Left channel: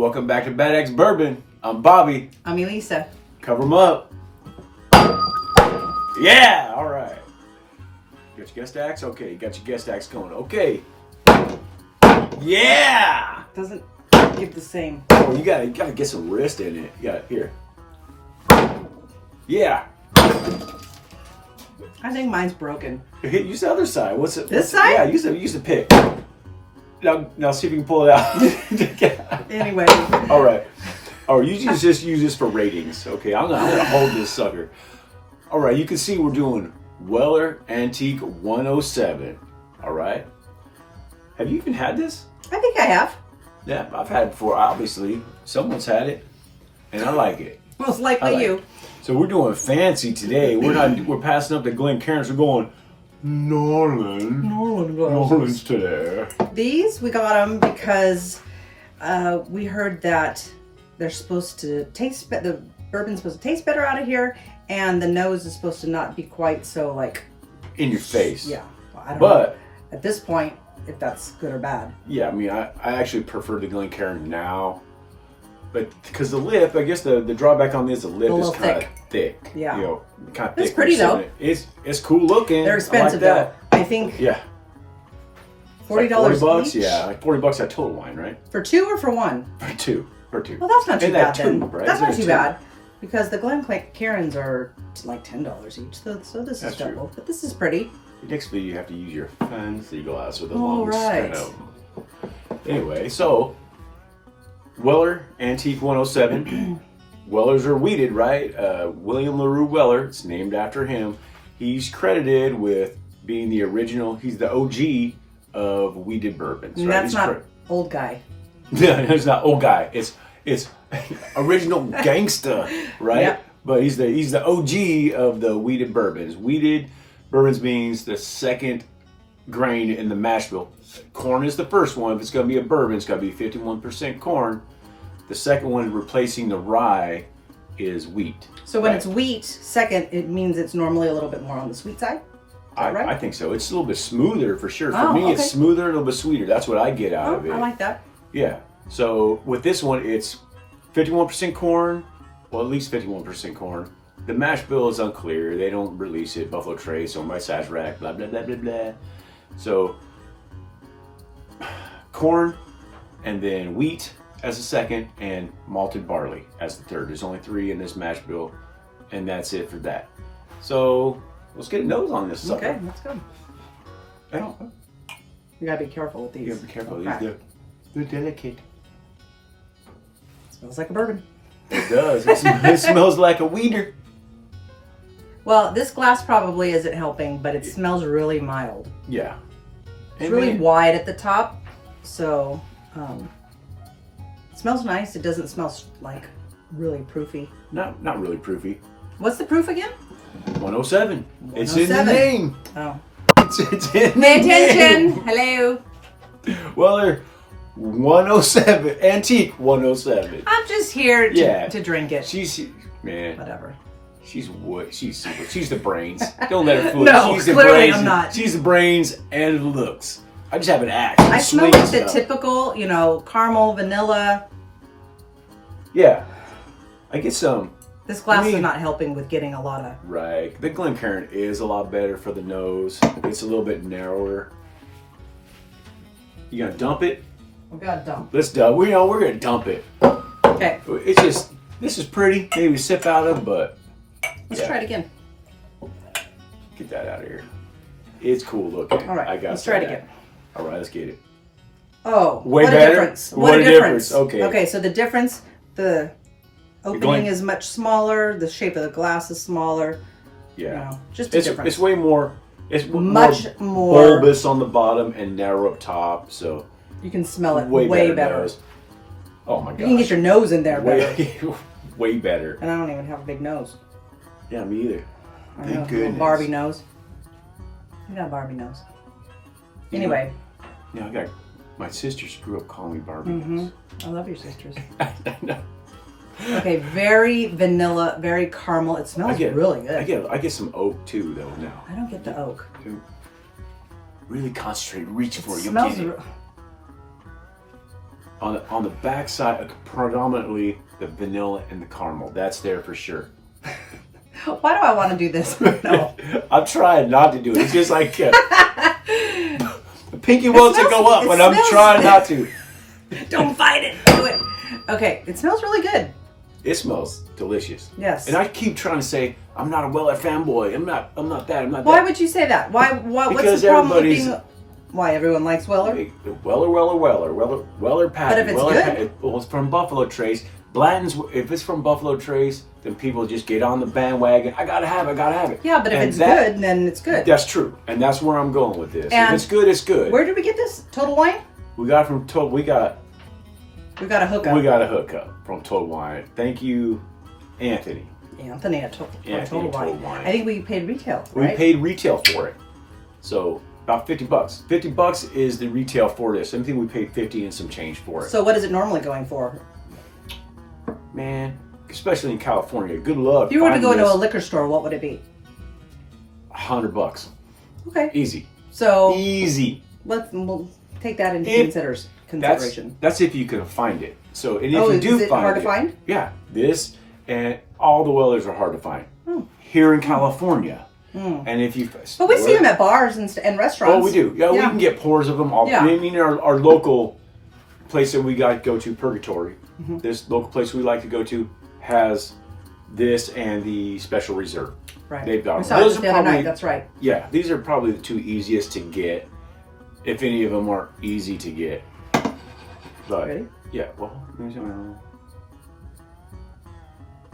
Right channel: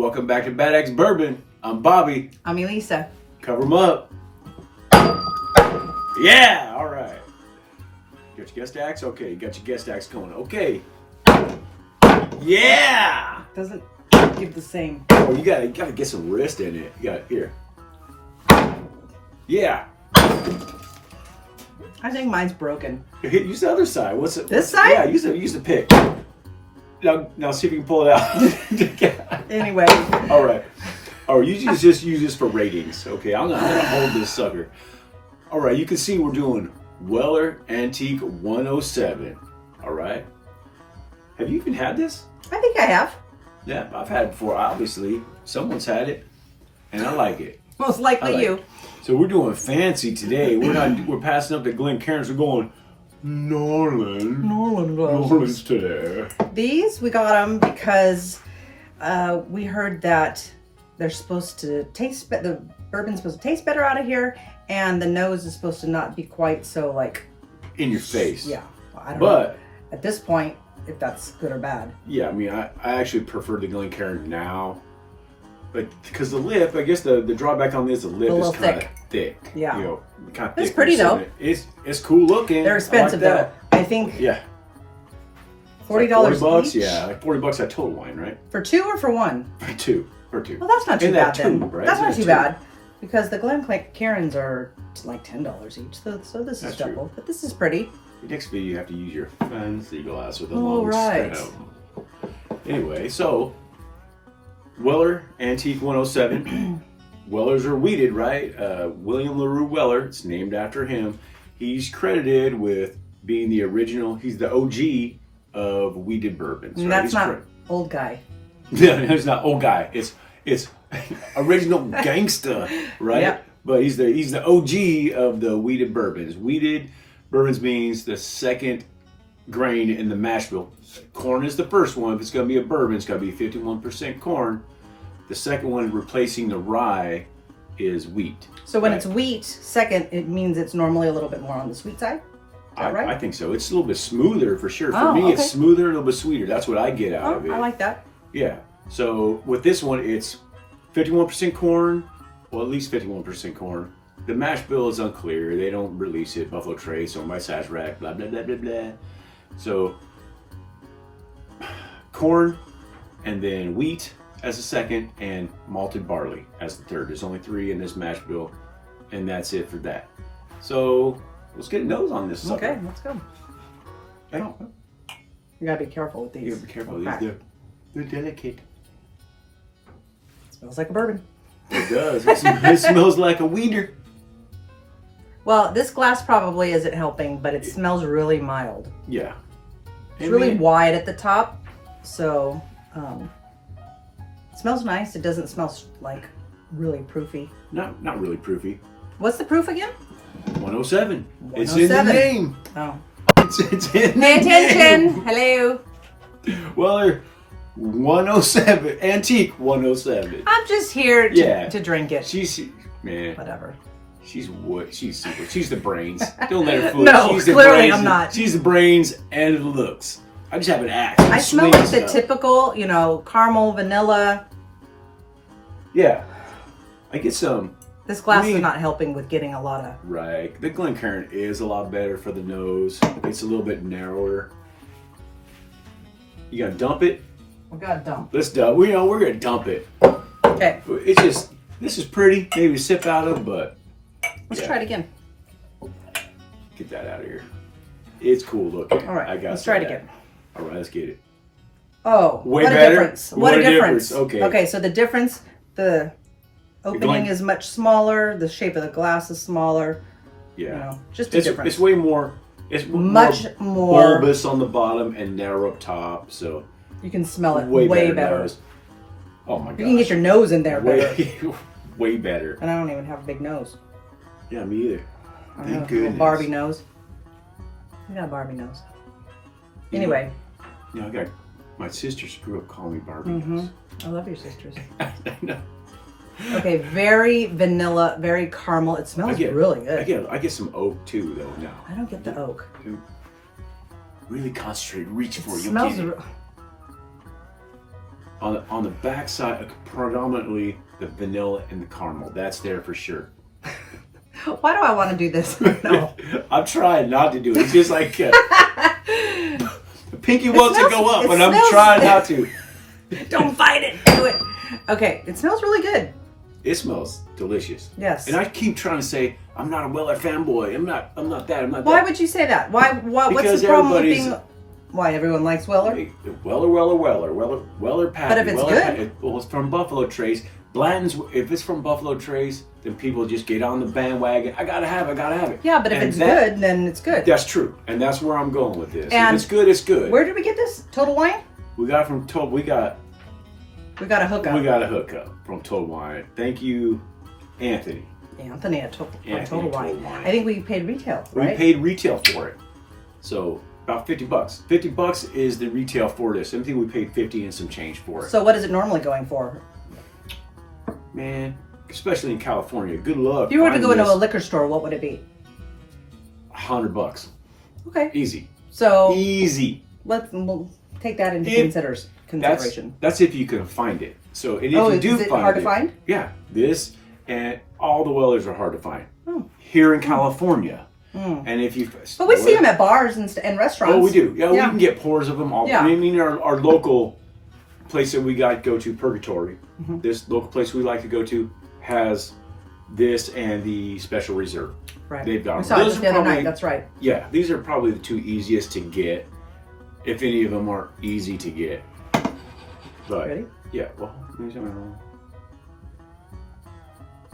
Welcome back to Bad Axe Bourbon. I'm Bobby. I'm Elisa. Cover them up. Yeah, all right. Got your guest axe? Okay, you got your guest axe going. Okay. Yeah! Doesn't give the same. Oh, you gotta get some wrist in it. You got here. Yeah. I think mine's broken. Use the other side. What's it? This side? Yeah, use the pick. Now see if you can pull it out. Anyway. All right. Oh, you just use this for ratings. Okay, I'm gonna hold this sucker. All right, you can see we're doing Weller Antique 107. All right. Have you even had this? I think I have. Yeah, I've had it before. Obviously, someone's had it, and I like it. Most likely you. So we're doing fancy today. We're passing up the Glencairns. We're going Norland's today. These, we got them because we heard that they're supposed to taste better. The bourbon's supposed to taste better out of here, and the nose is supposed to not be quite so like in your face. Yeah, well, I don't know at this point if that's good or bad. Yeah, I mean, I actually prefer the Glencairn now, but because the lip, I guess the drawback on this, the lip is kind of thick. Yeah, you know, kind of thick. It's pretty though. It's cool looking. They're expensive though. I think. Yeah. $40 $40 each? Yeah, like $40 at Total Wine, right? For two or for one? For two. Well, that's not too bad then. Right? That's not too bad. Because the Glencairns are like $10 each, so this is double. True. But this is pretty. Next video, you have to use your fancy glass with a long right. Anyway, so Weller Antique 107. Wellers are weeded, right? William LaRue Weller. It's named after him. He's credited with being the original. He's the OG of weeded bourbons. And right? That's not old guy. Yeah, it's not old guy. It's original gangsta, right? Yep. But he's the OG of the weeded bourbons. Weeded bourbons means the second grain in the mash bill. Corn is the first one. If it's going to be a bourbon, it's got to be 51% corn. The second one, replacing the rye, is wheat. So when it's wheat, second, it means it's normally a little bit more on the sweet side? Right? I think so. It's a little bit smoother for sure. For me, it's smoother, a little bit sweeter. That's what I get out of it. I like that. Yeah. So with this one, it's 51% corn, well, at least 51% corn. The mash bill is unclear. They don't release it. Buffalo Trace, owned by Sazerac, blah, blah, blah, blah, blah. So corn, and then wheat as a second, and malted barley as the third. There's only 3 in this mash bill, and that's it for that. So let's get a nose on this sucker. Okay, let's go. You gotta be careful with these. You gotta be careful. They're delicate. Smells like a bourbon. It does. It smells like a weeder. Well, this glass probably isn't helping, but it smells really mild. Yeah. It's really wide at the top, so it smells nice. It doesn't smell like really proofy. Not really proofy. What's the proof again? 107. It's in the name. Oh. It's in Pay attention. Hello. Well, they're 107. Antique 107. I'm just here to drink it. Man. Whatever. She's super. She's the brains. Don't let her fool you. No, she's the clearly brains, I'm not. She's the brains and the looks. I just have an axe. I smell like the typical, caramel, vanilla. Yeah. I get some. This glass is not helping with getting a lot of... Right. The Glencairn is a lot better for the nose. It's a little bit narrower. You gonna dump it? We're gonna dump. Let's dump. We're gonna dump it. Okay. It's just, this is pretty. Maybe to sip out of, but... Let's try it again. Get that out of here. It's cool looking. All right, let's try it again. All right, let's get it. Oh, way what better? A difference. What a difference. Okay. Okay, so the difference, the opening is much smaller, the shape of the glass is smaller. Yeah. Just a difference. It's way more, much more bulbous on the bottom and narrow up top, so. You can smell it way better. Oh my god. You can get your nose in there better. Way better. And I don't even have a big nose. Yeah, me either. I know, a little Barbie nose. You got a Barbie nose. Anyway. Yeah, my sisters grew up calling me Barbie nose. I love your sisters. I know. Okay, very vanilla, very caramel. It smells really good. I get some oak too, though. Now I don't get the oak. Really concentrate, reach for it. Smells. On the back side, predominantly the vanilla and the caramel. That's there for sure. Why do I want to do this? No. I'm trying not to do it. It's just like the pinky wants to go up, but I'm trying not to. Don't fight it. Do it. Okay. It smells really good. It smells delicious. Yes. And I keep trying to say I'm not a Weller fanboy. I'm not that. I'm not Why that. would you say that? Why? What's Because the problem with everybody's- being? Why everyone likes Weller? Weller Patty. But if it's Weller good? Patty. Well, it's from Buffalo Trace. Blanton's, if it's from Buffalo Trace, then people just get on the bandwagon. I gotta have it. Yeah, but if it's good, then it's good. That's true, and that's where I'm going with this. And if it's good, it's good. Where did we get this? Total Wine? We got from Total. We got a hookup. We got a hookup from Total Wine. Thank you, Anthony. Anthony at Total Wine. Wine. I think we paid retail, right? We paid retail for it, so about $50. $50 is the retail for this. I think we paid 50 and some change for it. So what is it normally going for? Man, especially in California, good luck. If you were to go finding into a this. liquor store, what would it be? $100. Okay. Easy. So Easy. we'll take that into consideration. That's if you can find it. So, and if you is do it find hard to find? Yeah, this and all the Wellers are hard to find Oh. here in California. And if you, But we see them at bars and restaurants. Oh, we do. Yeah, we can get pours of them. All. Yeah. I mean, our local place that we got to go to, Purgatory. Mm-hmm. This local place we like to go to has this and the Special Reserve. Right. They've got we saw it just the other night. That's right. Yeah, these are probably the two easiest to get, if any of them are easy to get. But Ready? yeah, well,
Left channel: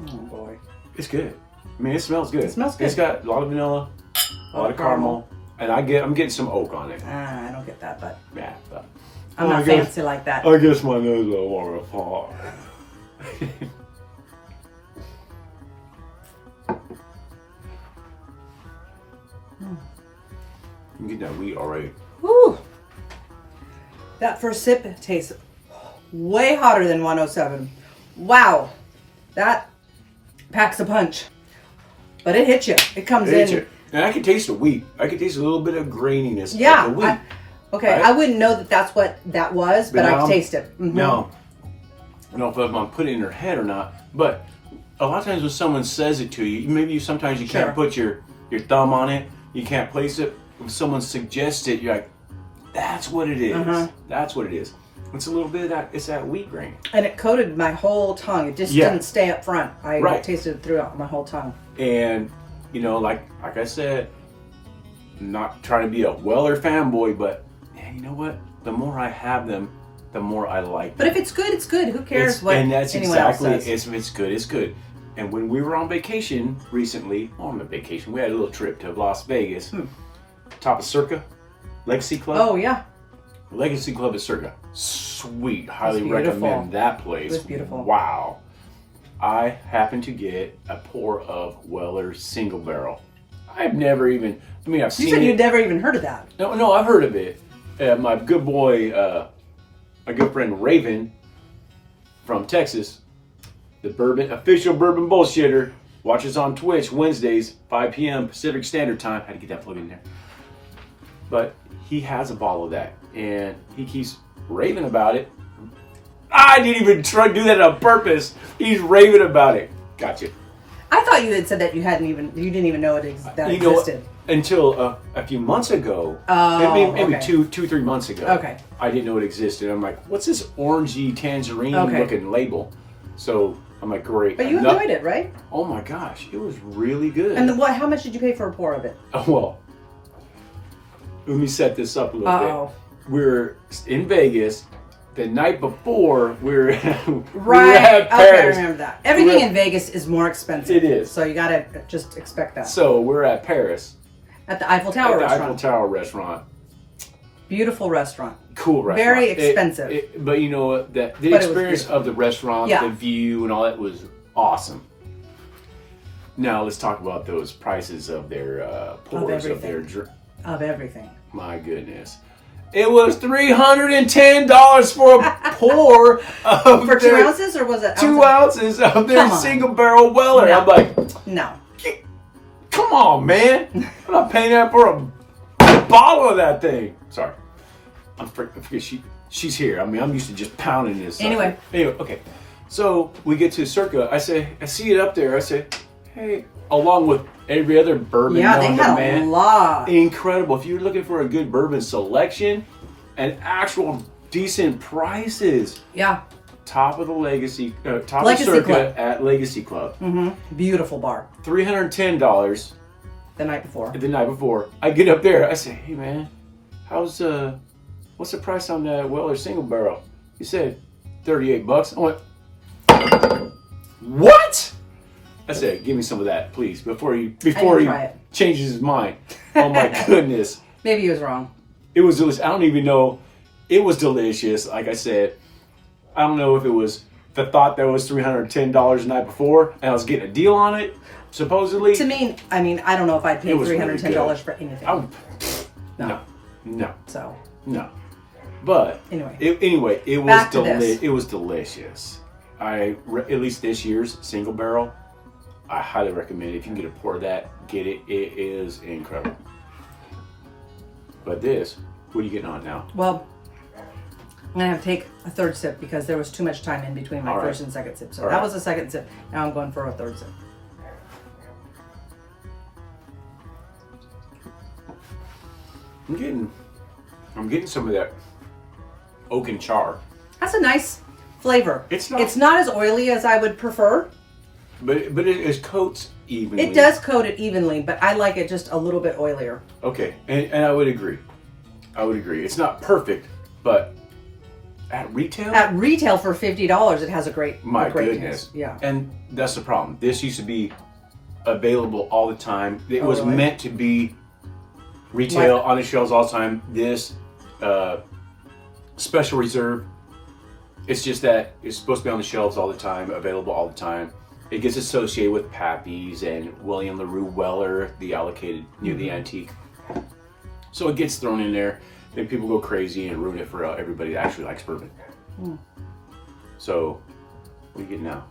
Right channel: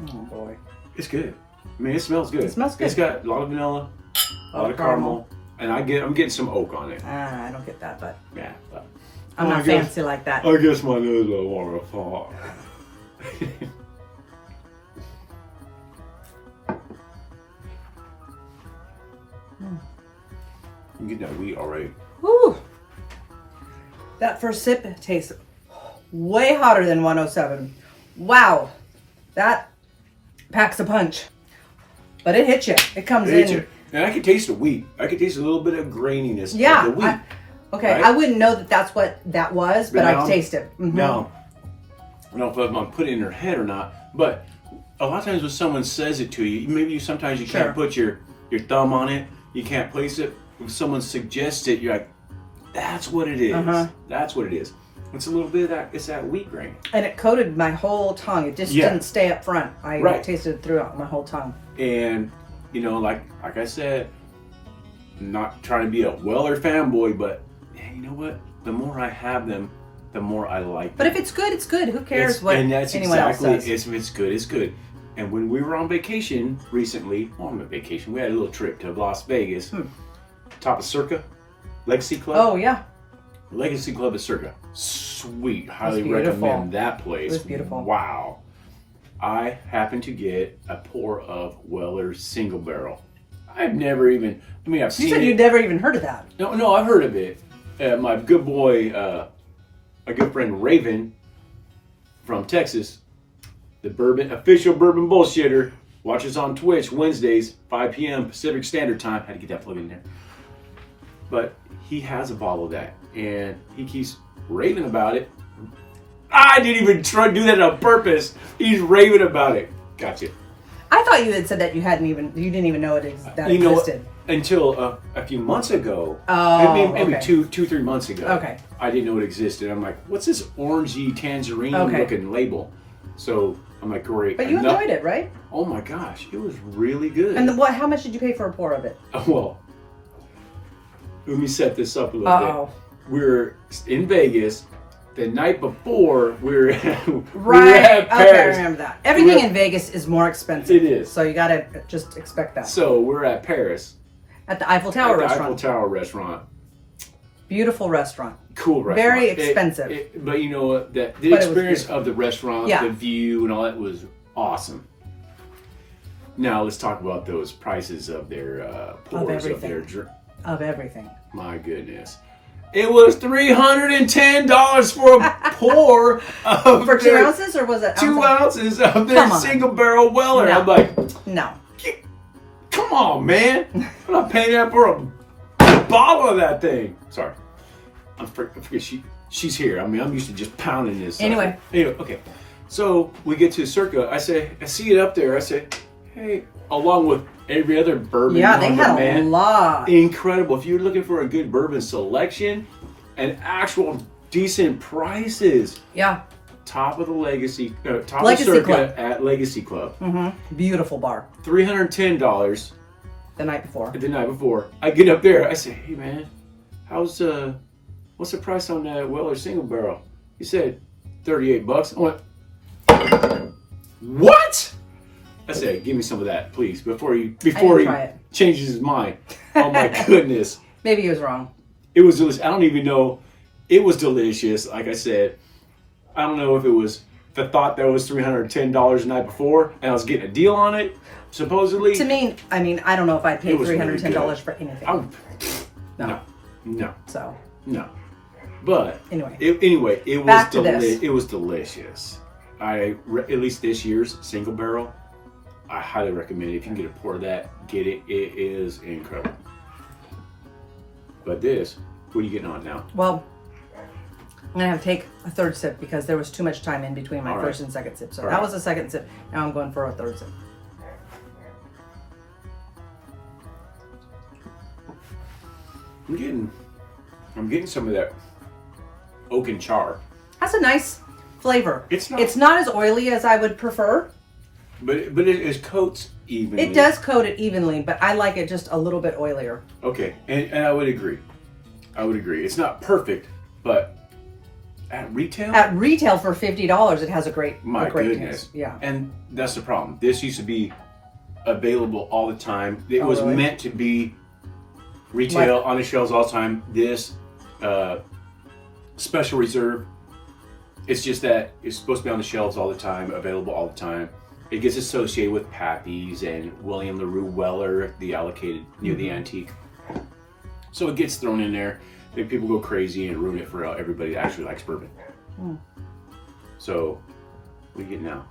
Oh boy. it's good. I mean, it smells good. It smells good. It's got a lot of vanilla, a lot of caramel, and I'm getting some oak on it. I don't get that, but Yeah, but I'm not fancy like that. I guess my nose will want to fall. You get that wheat already. Whew. That first sip tastes way hotter than 107. Wow. That packs a punch. But it hits you. It comes in. And I can taste the wheat. I can taste a little bit of graininess Yeah. of the wheat. Okay, right? I wouldn't know that that's what that was, but I now- could taste it. Mhm. Now, I don't know if I'm putting it in her head or not, but a lot of times when someone says it to you, maybe sometimes you Sure. can't put your thumb on it, you can't place it. When someone suggests it, you're like, that's what it is. Uh-huh. That's what it is. It's a little bit of that, it's that wheat grain. And it coated my whole tongue. It just Yeah. didn't stay up front. I Right. tasted it throughout my whole tongue. And, you know, like I said, I'm not trying to be a Weller fanboy, but man, you know what? The more I have them, the more I like them. But if it's good, it's good. Who cares what and that's anyone else exactly, says? if it's good, it's good. And when we were on vacation recently, on vacation, we had a little trip to Las Vegas, top of Circa, Legacy Club. Oh, yeah. Legacy Club at Circa. Sweet. Highly beautiful. recommend that place. It was beautiful. Wow. I happened to get a pour of Weller Single Barrel. I've never even, I've seen You said it. you'd never even heard of that. No, I've heard of it. My good boy, my good friend Raven from Texas, the official bourbon bullshitter, watches on Twitch Wednesdays, 5 p.m. Pacific Standard Time. Had to get that plug in there. But he has a bottle of that, and he keeps raving about it. I didn't even try to do that on purpose. He's raving about it. Gotcha. I thought you had said that you didn't even know that You know, existed. until a few months ago, Oh, maybe okay. 2-3 months ago. Okay. I didn't know it existed. I'm like, what's this orangey tangerine looking label? So I'm like, great. But you enjoyed it, right? Oh my gosh, it was really good. And how much did you pay for a pour of it? Oh, well, let me set this up a little Uh-oh. bit. We're in Vegas. The night before, we were at Right. Paris. Okay, I remember that. Everything in Vegas is more expensive. It is. So you gotta just expect that. So we're at Paris. At the Eiffel Tower At the restaurant. Eiffel Tower restaurant. Beautiful restaurant. Cool restaurant. Very expensive. But you know what? The But it was experience beautiful. of the restaurant, Yeah. the view, and all that was awesome. Now let's talk about those prices of their pours of their everything. Of everything. My goodness. It was $310 for a pour of For 2 their ounces, or was it 2 ounces of their Come on. single barrel Weller. No. I'm like, No. come on, man. I'm not paying that for a bottle of that thing. Sorry. I forget she's here. I mean, I'm used to just pounding this. Anyway, okay. So we get to Circa. I see it up there. I say, hey, along with every other bourbon. Yeah, they had a lot. Incredible. If you're looking for a good bourbon selection and actual decent prices. Yeah. Top of the Legacy of Legacy Circa Club. at Legacy Club. Beautiful bar. $310 The night before. the night before. I get up there. I say, hey man, what's the price on that Weller single barrel? He said $38. I went, what? I said, give me some of that, please, before he changes his mind. Oh my goodness. Maybe he was wrong. It was delicious. I don't even know. It was delicious. Like I said, I don't know if it was the thought that was $310 the night before and I was getting a deal on it, supposedly. To me, I mean, I don't know if I'd pay $310 really for anything. No. So. No. But anyway, it was delicious. At least this year's single barrel, I highly recommend it. If you can get a pour of that, get it. It is incredible. But this, what are you getting on now? Well, I'm gonna have to take a third sip because there was too much time in between my first and second sip. So that was the second sip. Now I'm going for a third sip. I'm getting some of that oak and char. That's a nice flavor. It's not as oily as I would prefer. But it coats evenly. It does coat it evenly, but I like it just a little bit oilier. Okay, and I would agree. It's not perfect, but at retail? At retail for $50, it has a great goodness. taste. Yeah. And that's the problem. This used to be available all the time. It was meant to be retail on the shelves all the time. This special reserve, it's just that it's supposed to be on the shelves all the time, available all the time. It gets associated with Pappy's and William LaRue Weller, the allocated near the antique. So it gets thrown in there. Then people go crazy and ruin it for everybody that actually likes bourbon. So, what do you get now?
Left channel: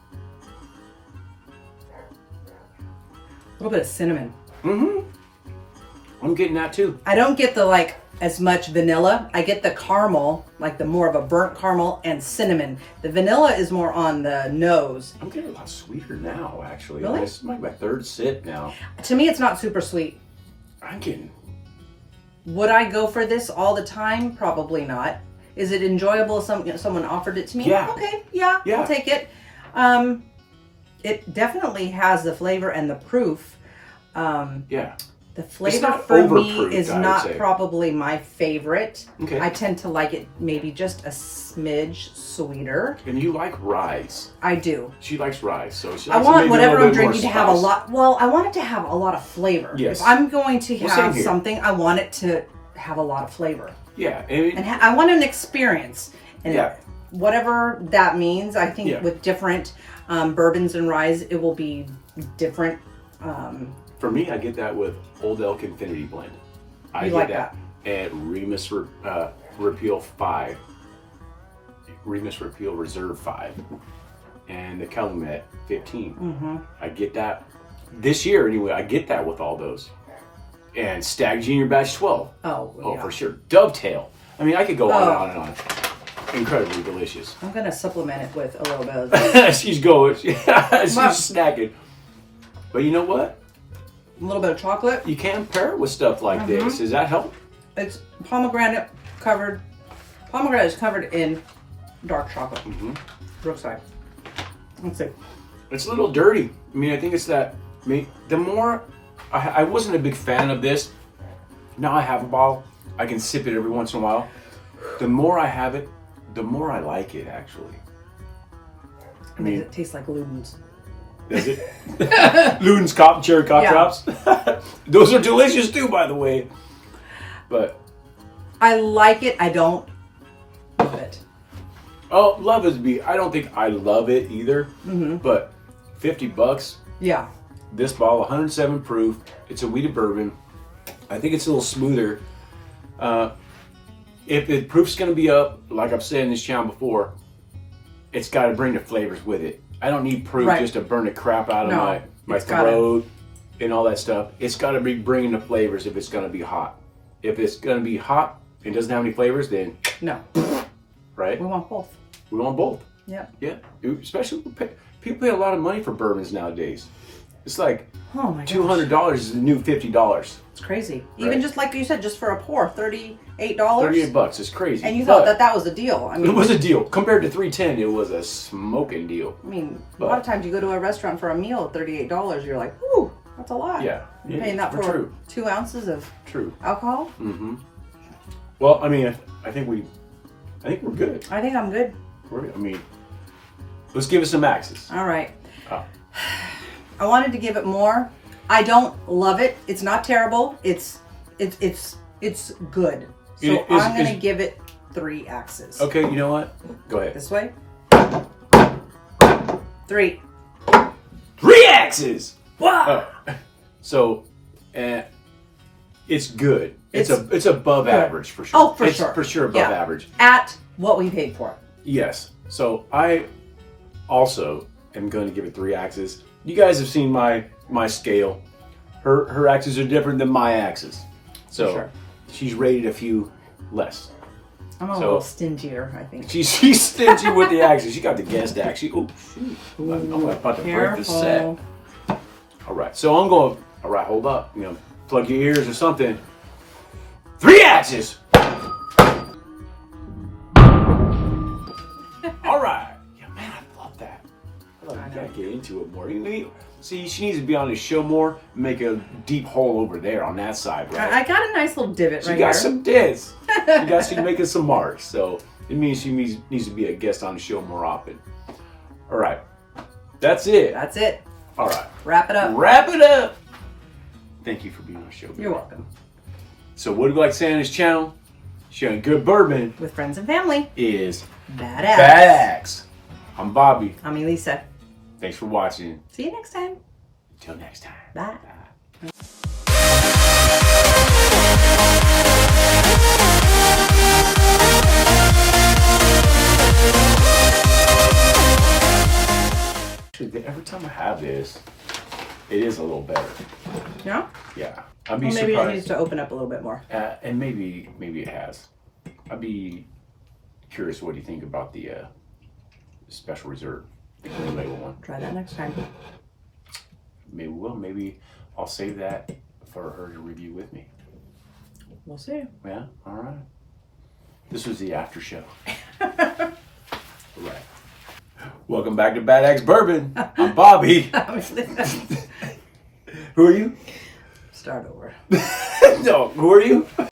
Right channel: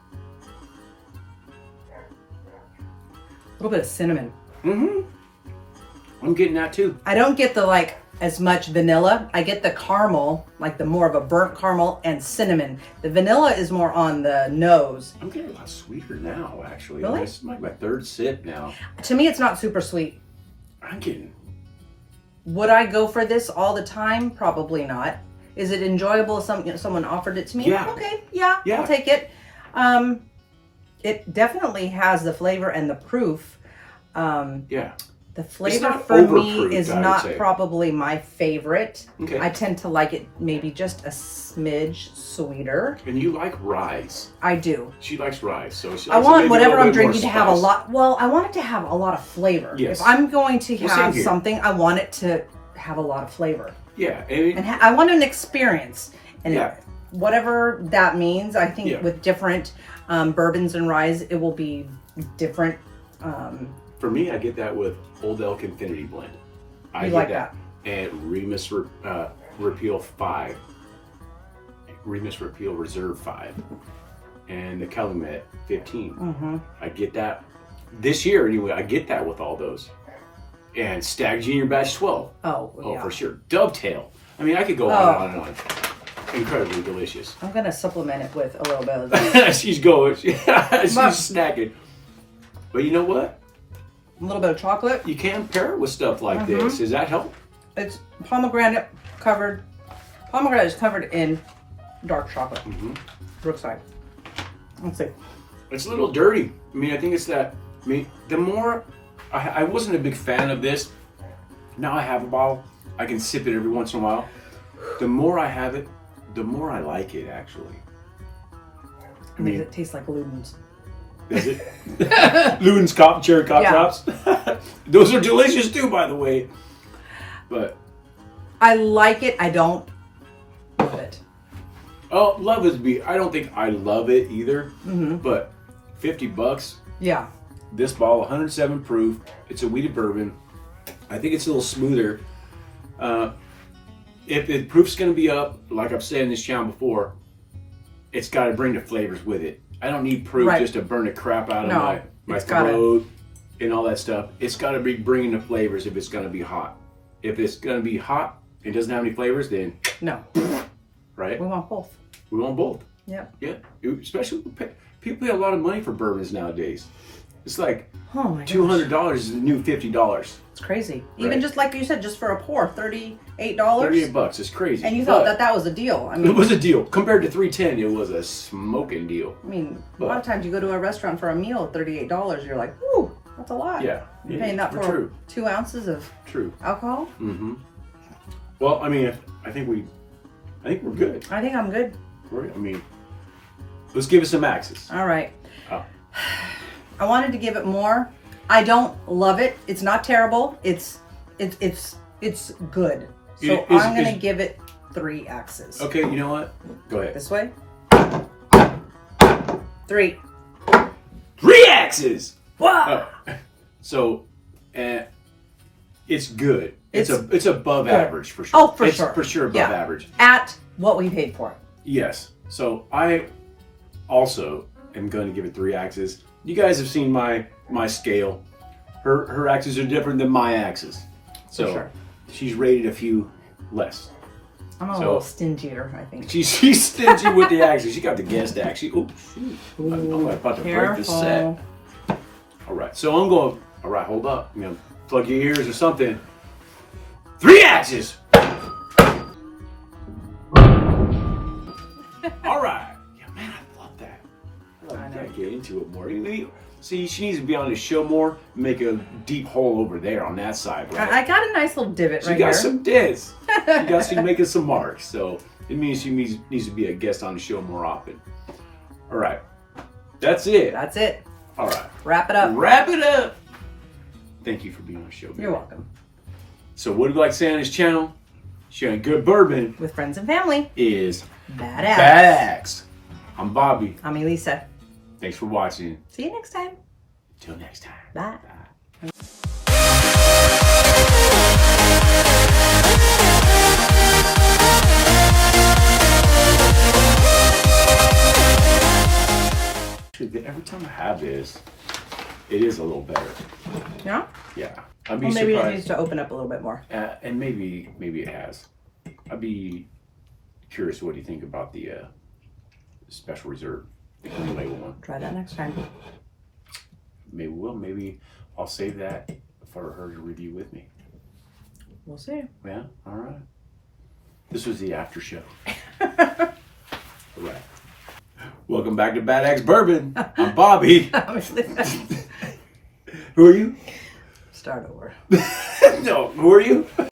A little bit of cinnamon. I'm getting that too. I don't get the as much vanilla. I get the caramel, like the more of a burnt caramel and cinnamon. The vanilla is more on the nose. I'm getting a lot sweeter now, actually. Really? This is like my third sip now. To me, it's not super sweet. I'm getting... Would I go for this all the time? Probably not. Is it enjoyable if someone offered it to me? Yeah. Okay, yeah, I'll take it. It definitely has the flavor and the proof. The flavor for me is not probably my favorite. Okay. I tend to like it maybe just a smidge sweeter. And you like rye. I do. She likes rye, so she likes I want whatever I'm drinking to have a lot. Well, I want it to have a lot of flavor. Yes. If I'm going to have something, I want it to have a lot of flavor. Yeah. And I want an experience. And whatever that means, I think with different bourbons and ryes, it will be different. For me, I get that with Old Elk Infinity Blend. I like that. And Remus Repeal 5. Remus Repeal Reserve 5. And the Calumet 15. I get that. This year, anyway, I get that with all those. And Stag Junior Batch 12. Oh, for sure. Dovetail. I mean, I could go on and on and on. Incredibly delicious. I'm going to supplement it with a little bit of that. She's going. She's snacking. But you know what? A little bit of chocolate. You can pair it with stuff like this. Does that help? It's pomegranate covered. Pomegranate is covered in dark chocolate. Brookside. Let's see. It's a little dirty. I mean, I think it's that. I mean, the more I wasn't a big fan of this. Now I have a bottle. I can sip it every once in a while. The more I have it, the more I like it. Actually, I mean, it tastes like Luden's. Does it? Luden's cherry cop tops. Those are delicious too, by the way. But I like it. I don't love it. Oh, love is I don't think I love it either. But $50. Yeah. This bottle, 107 proof. It's a wheated bourbon. I think it's a little smoother. If the proof's going to be up, like I've said in this channel before, it's got to bring the flavors with it. I don't need proof just to burn the crap out of my throat and all that stuff. It's got to be bringing the flavors if it's going to be hot. If it's going to be hot and doesn't have any flavors, then no. right? We want both. We want both. Yep. Yeah. Especially people pay a lot of money for bourbons nowadays. It's like $200 is the new $50. It's crazy. Right. Even just like you said, just for a pour, $38. $38. It's crazy. And you thought that was a deal. I mean, it was a deal. Compared to $310, it was a smoking deal. I mean, a lot of times you go to a restaurant for a meal, $38. You're like, ooh, that's a lot. Yeah. You're paying that for 2 ounces of alcohol. Mm-hmm. Well, I mean, I think we're good. I think I'm good. I mean, let's give it some axes. All right. I wanted to give it more. I don't love it. It's not terrible. It's good. So I'm going to give it 3 axes. Okay, you know what? Go ahead. This way. 3. 3 axes. Wow. So, it's good. It's above average for sure. Oh, for it's sure. For sure above average. At what we paid for it. Yes. So I also am going to give it 3 axes. You guys have seen my scale. Her axes are different than my axes. So she's rated a few less. I'm a little stingier, I think. She's stingy with the axes. She got the guest axe. I'm about to break the set. All right. So I'm going. All right. Hold up. Plug your ears or something. 3 axes. All right. Yeah, man, I love that. I gotta get into it more. See, she needs to be on the show more. Make a deep hole over there on that side, right? I got a nice little divot right here. She got some dents. She's making some marks. So it means she needs to be a guest on the show more often. All right. That's it. That's it. All right. Wrap it up. Wrap it up. Thank you for being on the show. You're welcome. So what do we like to say on this channel? Sharing good bourbon with friends and family is Bad Axe. Bad Axe. I'm Bobby. I'm Elisa. Thanks for watching. See you next time. Till next time. Bye. Actually, every time I have this, it is a little better. Yeah? Yeah. Well, maybe it needs to open up a little bit more. And maybe it has. I'd be curious what you think about the Special Reserve, the clean label one. Try that next time. Maybe we will. Maybe I'll save that for her to review with me. We'll see. Yeah? All right. This was the after show. All right. Welcome back to Bad Axe Bourbon. I'm Bobby. Who are you? Start over. No, who are you?